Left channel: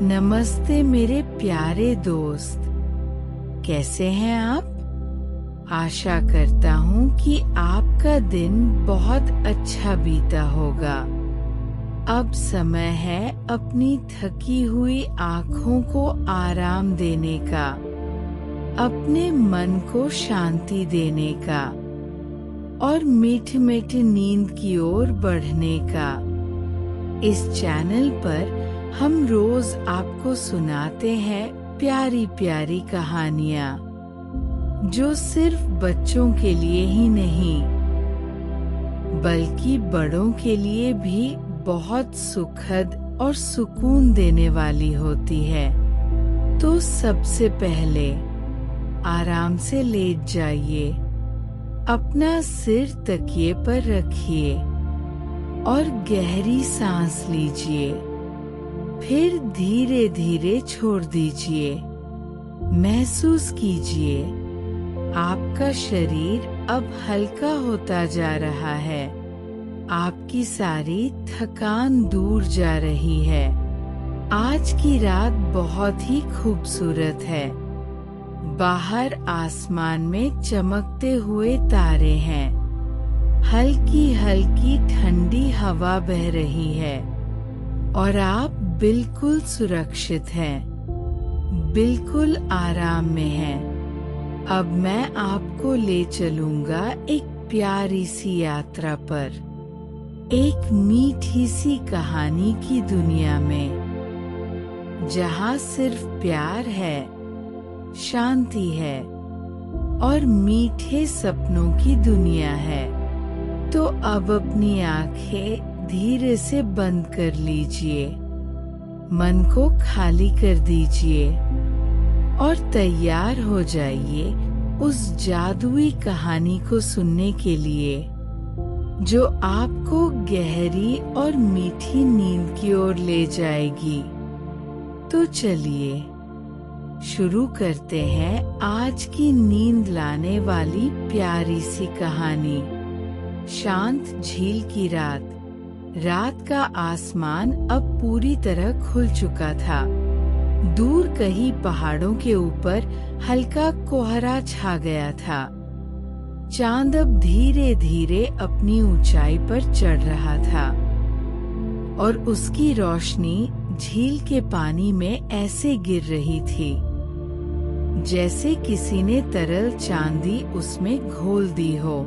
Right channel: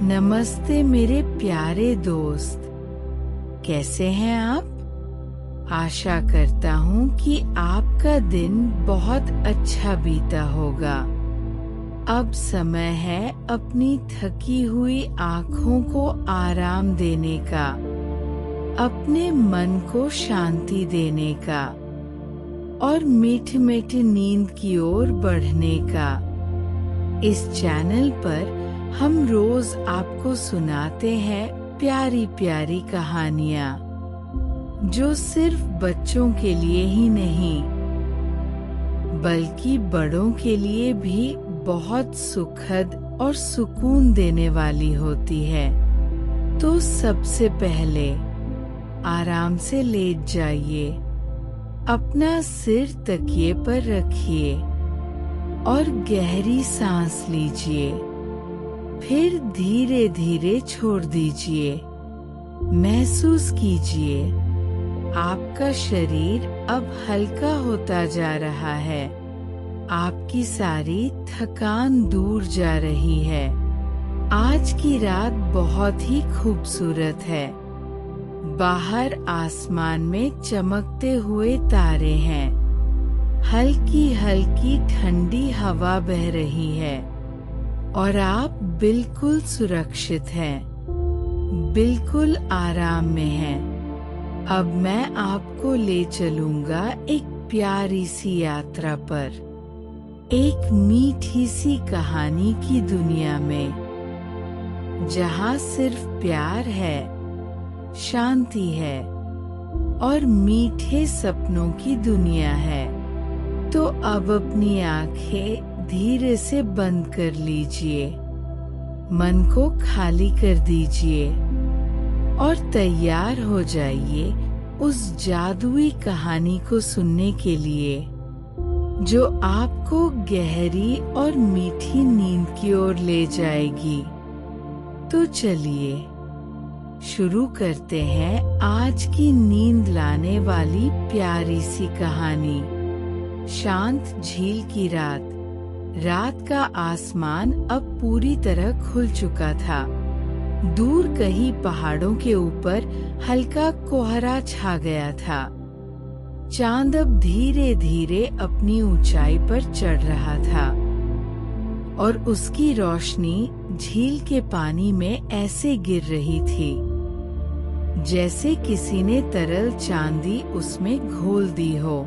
नमस्ते मेरे प्यारे दोस्त, कैसे हैं आप? आशा करता हूँ कि आपका दिन बहुत अच्छा बीता होगा। अब समय है अपनी थकी हुई आँखों को आराम देने का, अपने मन को शांति देने का और मीठी मीठी नींद की ओर बढ़ने का। इस चैनल पर हम रोज आपको सुनाते हैं प्यारी प्यारी कहानियाँ, जो सिर्फ बच्चों के लिए ही नहीं बल्कि बड़ों के लिए भी बहुत सुखद और सुकून देने वाली होती है। तो सबसे पहले आराम से लेट जाइए, अपना सिर तकिए पर रखिए और गहरी सांस लीजिए। फिर धीरे धीरे छोड़ दीजिए। महसूस कीजिए, आपका शरीर अब हल्का होता जा रहा है। आपकी सारी थकान दूर जा रही है। आज की रात बहुत ही खूबसूरत है। बाहर आसमान में चमकते हुए तारे हैं। हल्की हल्की ठंडी हवा बह रही है और आप बिल्कुल सुरक्षित हैं, बिल्कुल आराम में हैं। अब मैं आपको ले चलूंगा एक प्यारी सी यात्रा पर, एक मीठी सी कहानी की दुनिया में, जहाँ सिर्फ प्यार है, शांति है और मीठे सपनों की दुनिया है। तो अब अपनी आंखें धीरे से बंद कर लीजिए, मन को खाली कर दीजिए और तैयार हो जाइए उस जादुई कहानी को सुनने के लिए, जो आपको गहरी और मीठी नींद की ओर ले जाएगी। तो चलिए शुरू करते हैं आज की नींद लाने वाली प्यारी सी कहानी। शांत झील की रात। रात का आसमान अब पूरी तरह खुल चुका था। दूर कहीं पहाड़ों के ऊपर हल्का कोहरा छा गया था। चांद अब धीरे धीरे अपनी ऊंचाई पर चढ़ रहा था और उसकी रोशनी झील के पानी में ऐसे गिर रही थी जैसे किसी ने तरल चांदी उसमें घोल दी हो।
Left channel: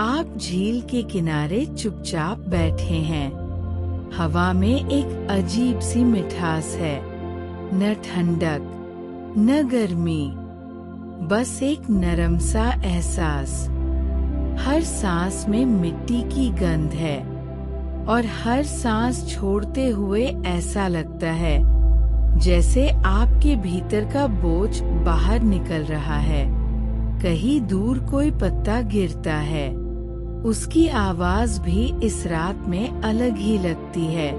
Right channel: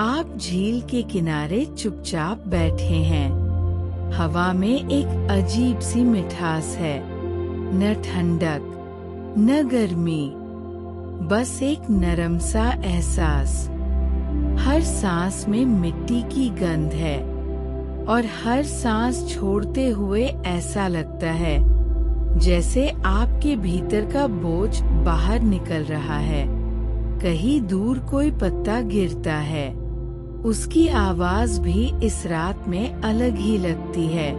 आप झील के किनारे चुपचाप बैठे हैं। हवा में एक अजीब सी मिठास है, न ठंडक न गर्मी, बस एक नरम सा एहसास। हर सांस में मिट्टी की गंध है और हर सांस छोड़ते हुए ऐसा लगता है जैसे आपके भीतर का बोझ बाहर निकल रहा है। कहीं दूर कोई पत्ता गिरता है, उसकी आवाज भी इस रात में अलग ही लगती है,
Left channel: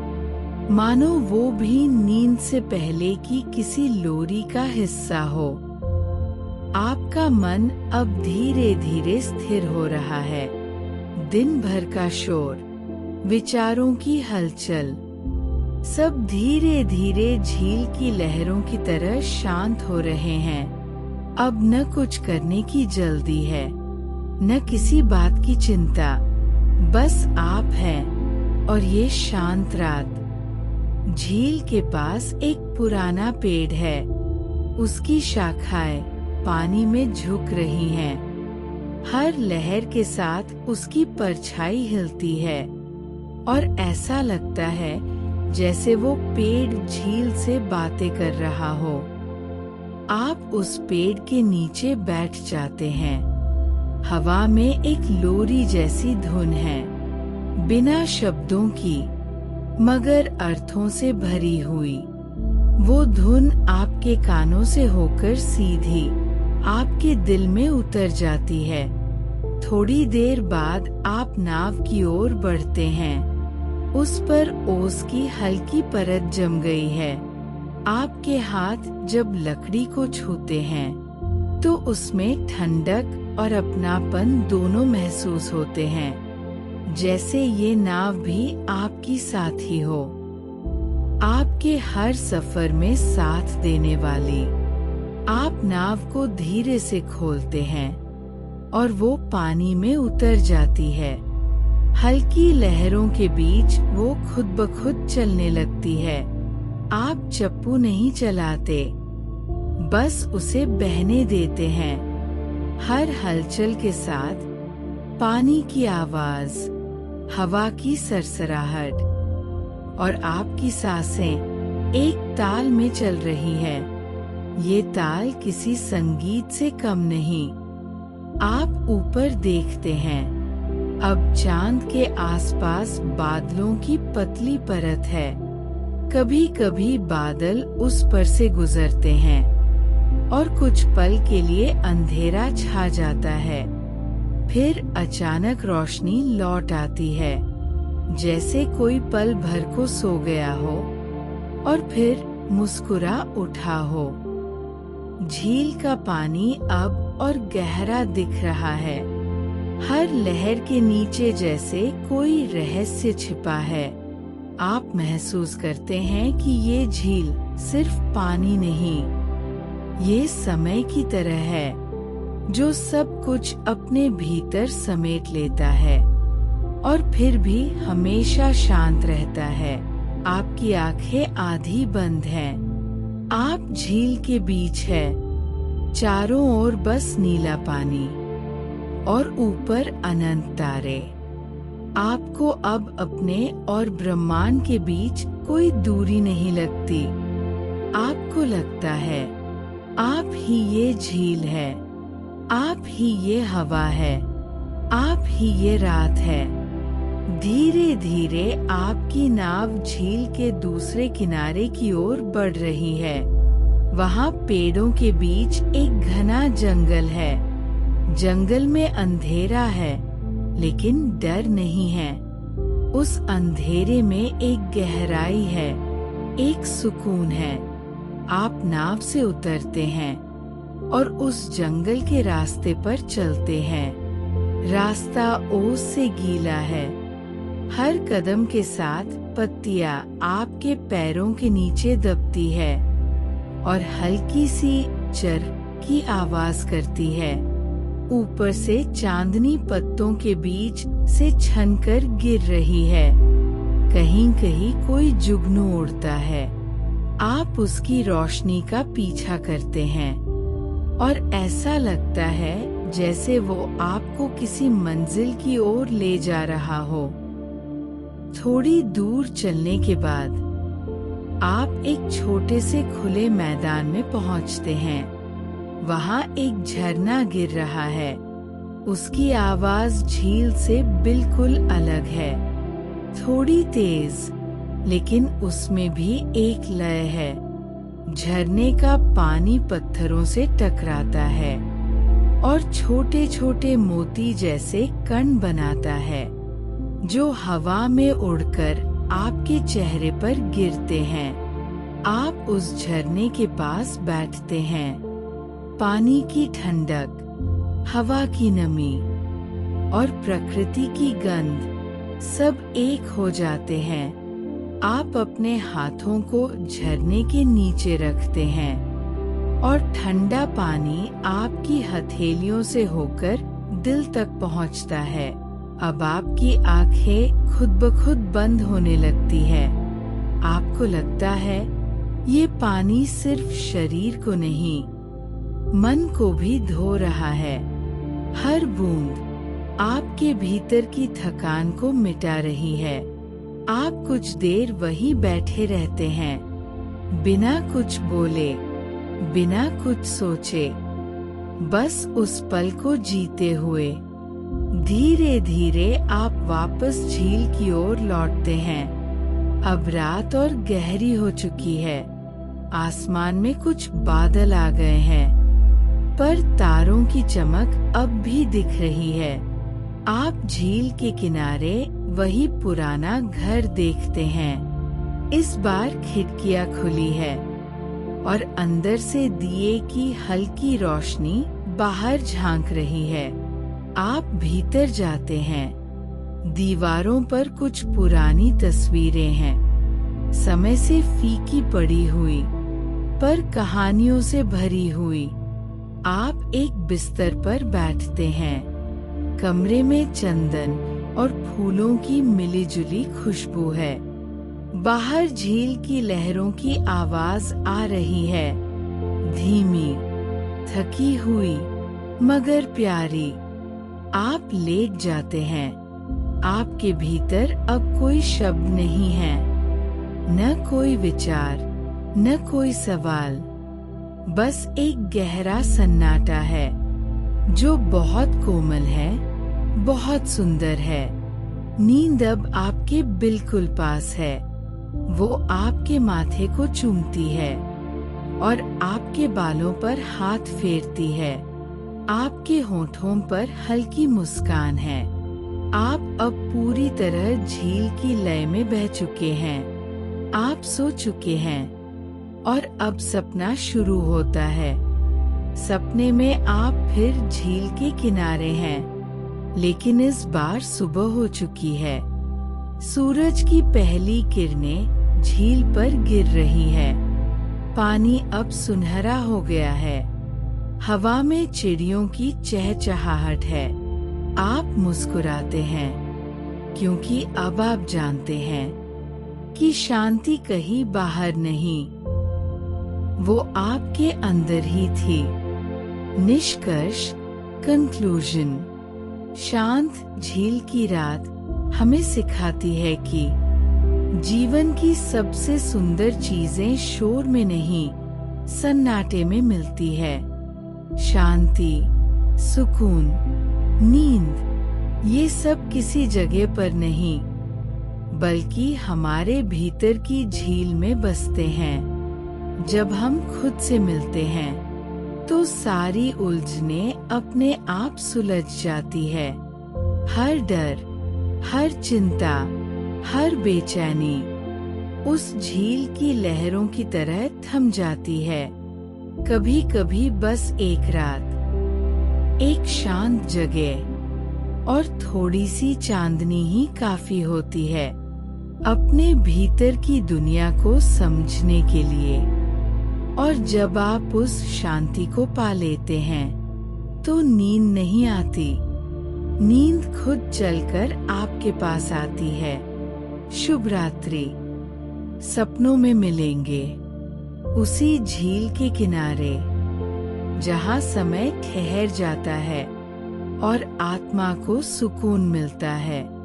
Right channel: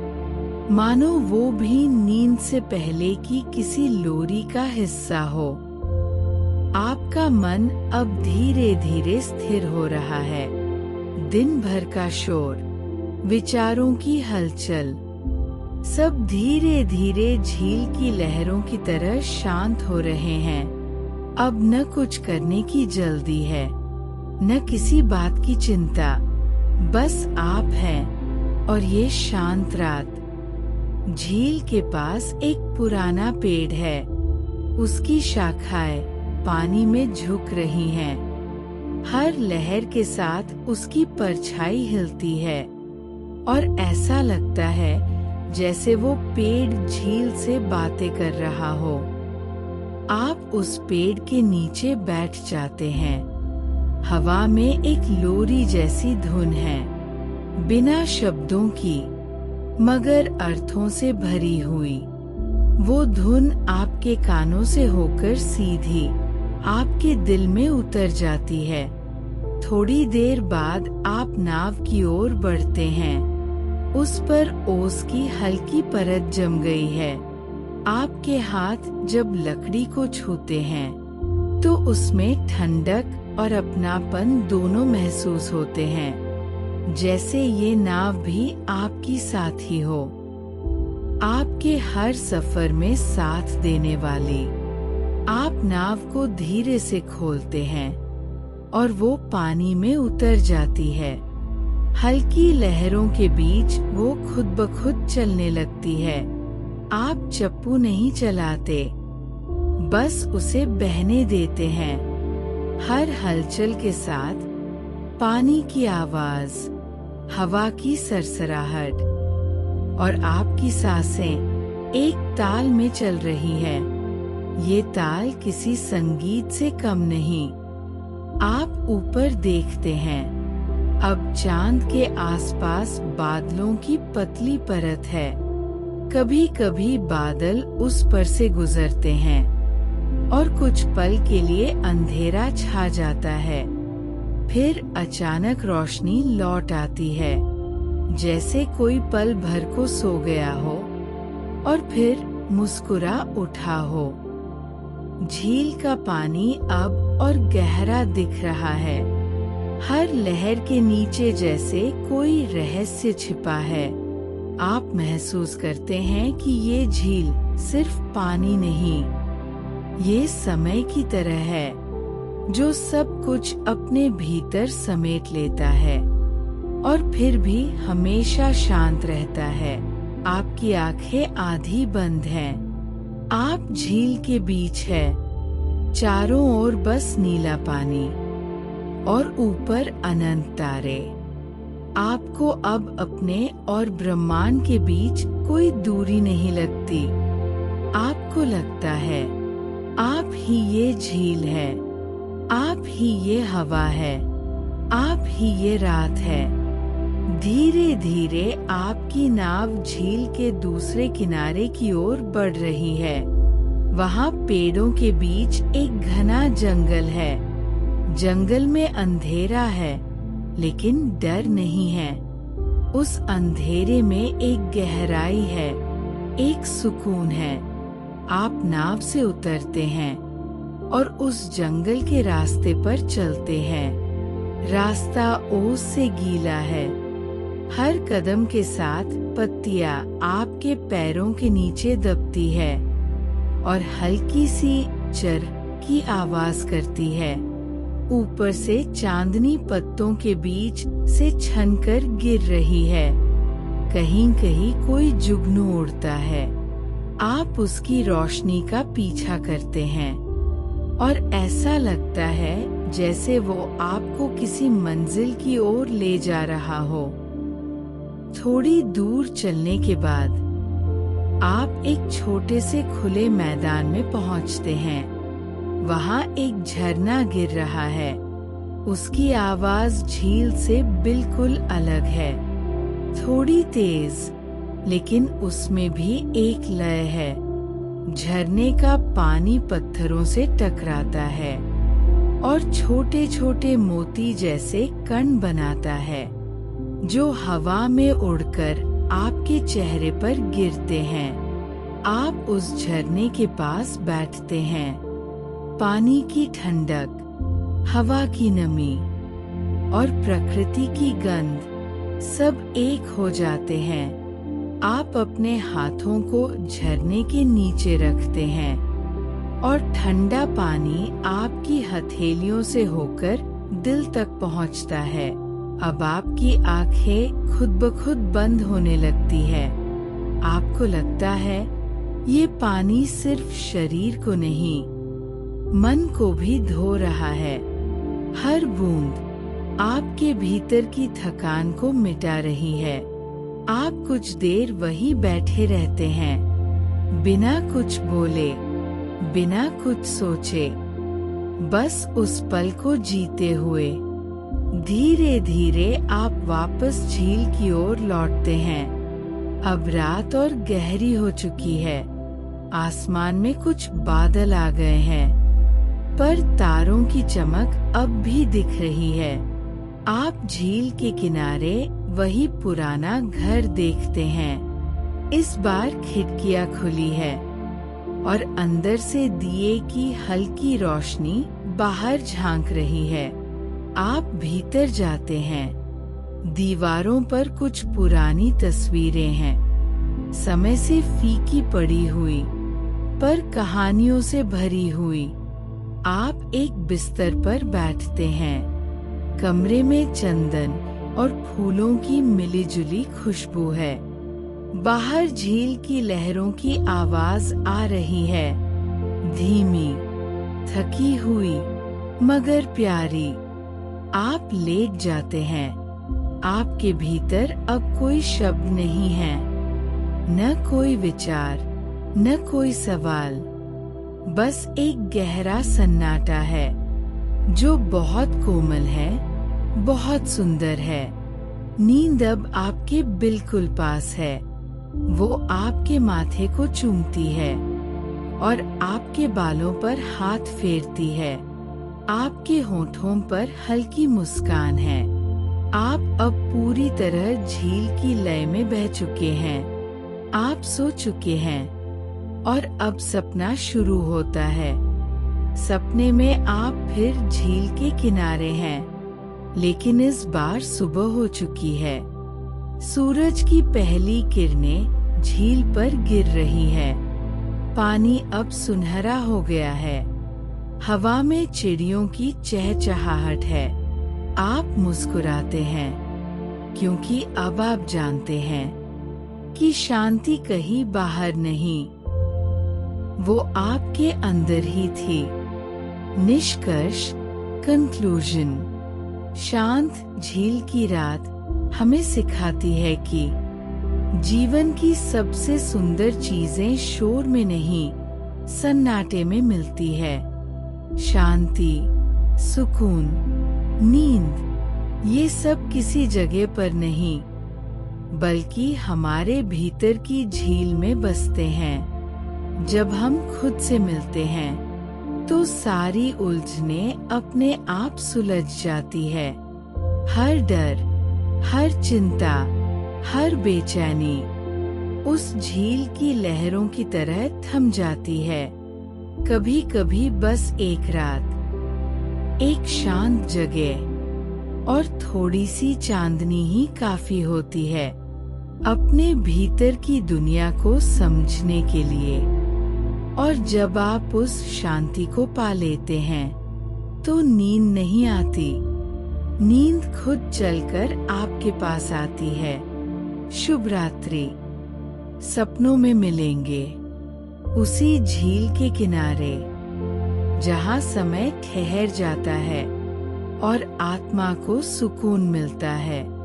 मानो वो भी नींद से पहले की किसी लोरी का हिस्सा हो। आपका मन अब धीरे धीरे स्थिर हो रहा है। दिन भर का शोर, विचारों की हलचल, सब धीरे धीरे झील की लहरों की तरह शांत हो रहे हैं। अब न कुछ करने की जल्दी है, न किसी बात की चिंता, बस आप हैं और ये शांत रात। झील के पास एक पुराना पेड़ है, उसकी शाखाएं पानी में झुक रही हैं। हर लहर के साथ उसकी परछाई हिलती है और ऐसा लगता है जैसे वो पेड़ झील से बातें कर रहा हो। आप उस पेड़ के नीचे बैठ जाते हैं। हवा में एक लोरी जैसी धुन है, बिना शब्दों की मगर अर्थों से भरी हुई। वो धुन आपके कानों से होकर सीधी आपके दिल में उतर जाती है। थोड़ी देर बाद आप नाव की ओर बढ़ते हैं। उस पर ओस की हल्की परत जम गई है। आपके हाथ जब लकड़ी को छूते हैं तो उसमें ठंडक और अपनापन दोनों महसूस होते हैं, जैसे ये नाव भी आपकी साथी हो। आपके हर सफर में साथ देने वाली। आप नाव को धीरे से खोलते हैं और वो पानी में उतर जाती है। हल्की लहरों के बीच वो खुद ब खुद चलने लगती है। आप चप्पू नहीं चलाते, बस उसे बहने देते हैं। हर हलचल के साथ पानी की आवाज, हवा की सरसराहट और आपकी सांसें एक ताल में चल रही है। ये ताल किसी संगीत से कम नहीं। आप ऊपर देखते हैं। अब चांद के आसपास बादलों की पतली परत है। कभी कभी बादल उस पर से गुजरते हैं और कुछ पल के लिए अंधेरा छा जाता है। फिर अचानक रोशनी लौट आती है, जैसे कोई पल भर को सो गया हो और फिर मुस्कुरा उठा हो। झील का पानी अब और गहरा दिख रहा है। हर लहर के नीचे जैसे कोई रहस्य छिपा है। आप महसूस करते हैं कि ये झील सिर्फ पानी नहीं, ये समय की तरह है, जो सब कुछ अपने भीतर समेट लेता है और फिर भी हमेशा शांत रहता है। आपकी आंखें आधी बंद हैं। आप झील के बीच है, चारों ओर बस नीला पानी और ऊपर अनंत तारे। आपको अब अपने और ब्रह्मांड के बीच कोई दूरी नहीं लगती। आपको लगता है आप ही ये झील है, आप ही ये हवा है, आप ही ये रात है। धीरे धीरे आपकी नाव झील के दूसरे किनारे की ओर बढ़ रही है। वहाँ पेड़ों के बीच एक घना जंगल है। जंगल में अंधेरा है, लेकिन डर नहीं है। उस अंधेरे में एक गहराई है, एक सुकून है। आप नाव से उतरते हैं और उस जंगल के रास्ते पर चलते हैं। रास्ता ओस से गीला है। हर कदम के साथ पत्तियां आपके पैरों के नीचे दबती है और हल्की सी चर की आवाज करती है। ऊपर से चांदनी पत्तों के बीच से छनकर गिर रही है। कहीं कहीं कोई जुगनू उड़ता है। आप उसकी रोशनी का पीछा करते हैं और ऐसा लगता है जैसे वो आपको किसी मंजिल की ओर ले जा रहा हो। थोड़ी दूर चलने के बाद आप एक छोटे से खुले मैदान में पहुंचते हैं। वहाँ एक झरना गिर रहा है। उसकी आवाज झील से बिल्कुल अलग है, थोड़ी तेज, लेकिन उसमें भी एक लय है। झरने का पानी पत्थरों से टकराता है और छोटे छोटे मोती जैसे कण बनाता है, जो हवा में उड़कर आपके चेहरे पर गिरते हैं। आप उस झरने के पास बैठते हैं। पानी की ठंडक, हवा की नमी और प्रकृति की गंध सब एक हो जाते हैं। आप अपने हाथों को झरने के नीचे रखते हैं और ठंडा पानी आपकी हथेलियों से होकर दिल तक पहुंचता है। अब आपकी आंखें खुद ब खुद बंद होने लगती है। आपको लगता है ये पानी सिर्फ शरीर को नहीं, मन को भी धो रहा है। हर बूंद आपके भीतर की थकान को मिटा रही है। आप कुछ देर वहीं बैठे रहते हैं, बिना कुछ बोले, बिना कुछ सोचे, बस उस पल को जीते हुए। धीरे धीरे आप वापस झील की ओर लौटते हैं। अब रात और गहरी हो चुकी है। आसमान में कुछ बादल आ गए हैं, पर तारों की चमक अब भी दिख रही है। आप झील के किनारे वही पुराना घर देखते हैं। इस बार खिड़कियां खुली है और अंदर से दिए की हल्की रोशनी बाहर झांक रही है। आप भीतर जाते हैं। दीवारों पर कुछ पुरानी तस्वीरें हैं, समय से फीकी पड़ी हुई पर कहानियों से भरी हुई। आप एक बिस्तर पर बैठते हैं। कमरे में चंदन और फूलों की मिलीजुली खुशबू है। बाहर झील की लहरों की आवाज आ रही है, धीमी, थकी हुई मगर प्यारी। आप लेट जाते हैं। आपके भीतर अब कोई शब्द नहीं है, न कोई विचार, न कोई सवाल, बस एक गहरा सन्नाटा है जो बहुत कोमल है, बहुत सुंदर है। नींद अब आपके बिल्कुल पास है। वो आपके माथे को चूमती है और आपके बालों पर हाथ फेरती है। आपके होठों पर हल्की मुस्कान है। आप अब पूरी तरह झील की लय में बह चुके हैं। आप सो चुके हैं और अब सपना शुरू होता है। सपने में आप फिर झील के किनारे हैं, लेकिन इस बार सुबह हो चुकी है। सूरज की पहली किरणें झील पर गिर रही है। पानी अब सुनहरा हो गया है। हवा में चिड़ियों की चहचहाहट है। आप मुस्कुराते हैं, क्योंकि अब आप जानते हैं कि शांति कहीं बाहर नहीं, वो आपके अंदर ही थी। निष्कर्ष, कंक्लूजन। शांत झील की रात हमें सिखाती है कि जीवन की सबसे सुंदर चीजें शोर में नहीं, सन्नाटे में मिलती है। शांति, सुकून, नींद, ये सब किसी जगह पर नहीं, बल्कि हमारे भीतर की झील में बसते हैं। जब हम खुद से मिलते हैं, तो सारी उलझनें अपने आप सुलझ जाती है। हर डर, हर चिंता, हर बेचैनी उस झील की लहरों की तरह थम जाती है। कभी कभी बस एक रात, एक शांत जगह और थोड़ी सी चांदनी ही काफी होती है अपने भीतर की दुनिया को समझने के लिए। और जब आप उस शांति को पा लेते हैं, तो नींद नहीं आती, नींद खुद चलकर आपके पास आती है। शुभ रात्रि। सपनों में मिलेंगे, उसी झील के किनारे, जहाँ समय ठहर जाता है और आत्मा को सुकून मिलता है।